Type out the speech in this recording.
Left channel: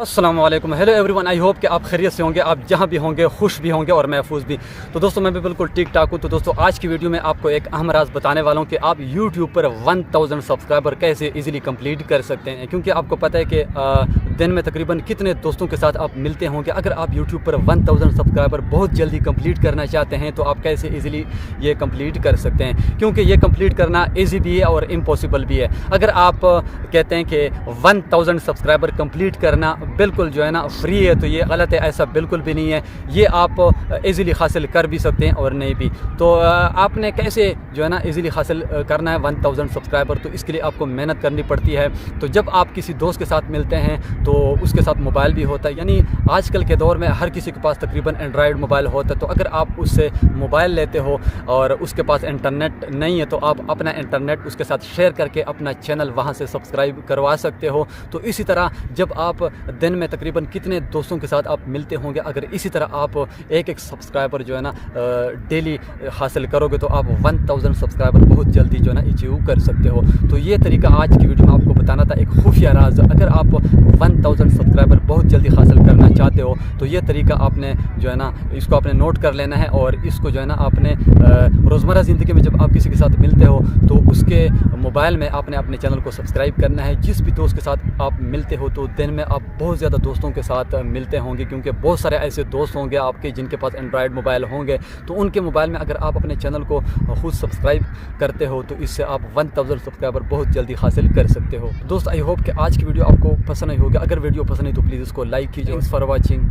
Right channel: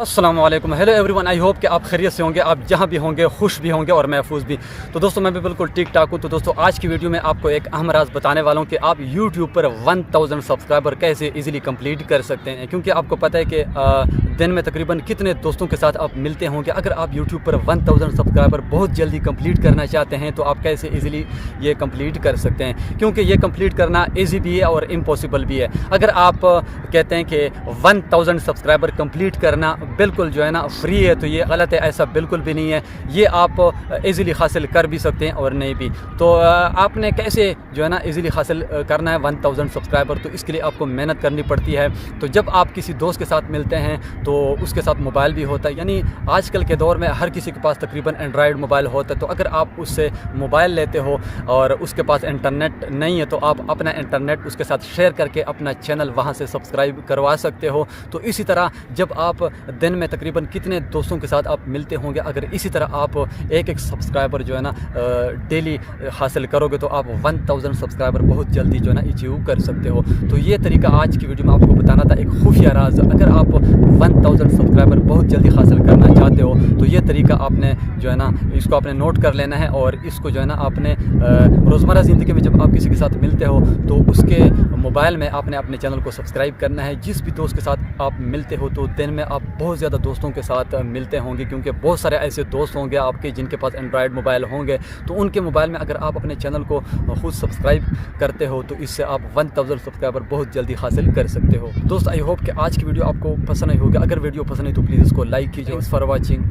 अस्सलाम वालेकुम, hello everyone. I hope कि आप खैरियत से होंगे, आप जहां भी होंगे खुश भी होंगे और महफूज भी। तो दोस्तों मैं भी बिल्कुल ठीक ठाक हूं। तो दोस्तों आज की वीडियो में आपको एक अहम राज बताने वाला हूं कि आप यूट्यूब पर 1000 सब्सक्राइबर कैसे इजीली कंप्लीट कर सकते हैं। क्योंकि आपको पता है कि दिन में तकरीबन कितने दोस्तों के साथ आप मिलते होंगे। अगर आप यूट्यूब पर 1000 सब्सक्राइबर बहुत जल्दी कंप्लीट करना चाहते हैं तो आप कैसे ईजिली ये कंप्लीट कर सकते हैं, क्योंकि ये कंप्लीट करना ईजी भी है और इम्पॉसिबल भी है। अगर आप कहते हैं कि 1000 सब्सक्राइबर कंप्लीट करना बिल्कुल जो है ना फ्री है, तो ये गलत है। ऐसा बिल्कुल भी नहीं है। ये आप इजीली हासिल कर भी सकते हैं और नहीं भी। तो आपने कैसे जो है ना इजीली हासिल करना है 1000 सब्सक्राइबर, तो इसके लिए आपको मेहनत करनी पड़ती है। तो जब आप किसी दोस्त के साथ मिलते हैं तो उसके साथ मोबाइल भी होता है, यानी आजकल के दौर में हर किसी के पास तकरीबन एंड्रॉयड मोबाइल होता है। तो अगर आप उससे मोबाइल लेते हो और उसके पास इंटरनेट नहीं है तो आप अपना इंटरनेट उसके साथ शेयर करके अपना चैनल वहाँ से सब्सक्राइब करवा सकते हो। तो इसी तरह जब आप दिन में तकरीबन कितने दोस्तों के साथ आप मिलते होंगे, अगर इसी तरह आप एक सब्सक्राइबर जो है ना डेली हासिल करोगे तो आप 1000 सब्सक्राइबर बहुत जल्दी जो है ना अचीव कर सकते हो। तो ये तरीका आज की वीडियो में आपको बताना था, एक खुफिया राज। अगर आप 1000 सब्सक्राइबर बहुत जल्दी हासिल करना चाहते हो तो ये तरीका आपने जो है ना इसको आपने नोट कर लेना है और इसको जो है ना आपने रोज़मर्रा ज़िंदगी में जब आप किसी के साथ मिलते हो तो उसके मोबाइल में आपने अपने चैनल को सब्सक्राइब करना है। जिस भी दोस्त के साथ आप मिलते हो तो दिन में आप बहुत ज़्यादा दोस्तों के साथ मिलते होंगे, क्योंकि बहुत सारे ऐसे दोस्त होंगे आपके जिनके पास एंड्रॉयड मोबाइल होंगे। तो उनके मोबाइल में अगर आप अपने चैनल को खुद सब्सक्राइब करते हो तो इससे आप 1000 सब्सक्राइबर बहुत जल्दी हासिल कर सकते हो। दोस्त आई होप कि आज की वीडियो आपको पसंद आई होगी। अगर वीडियो पसंद आई तो प्लीज़ इसको लाइक कीजिए। For watching.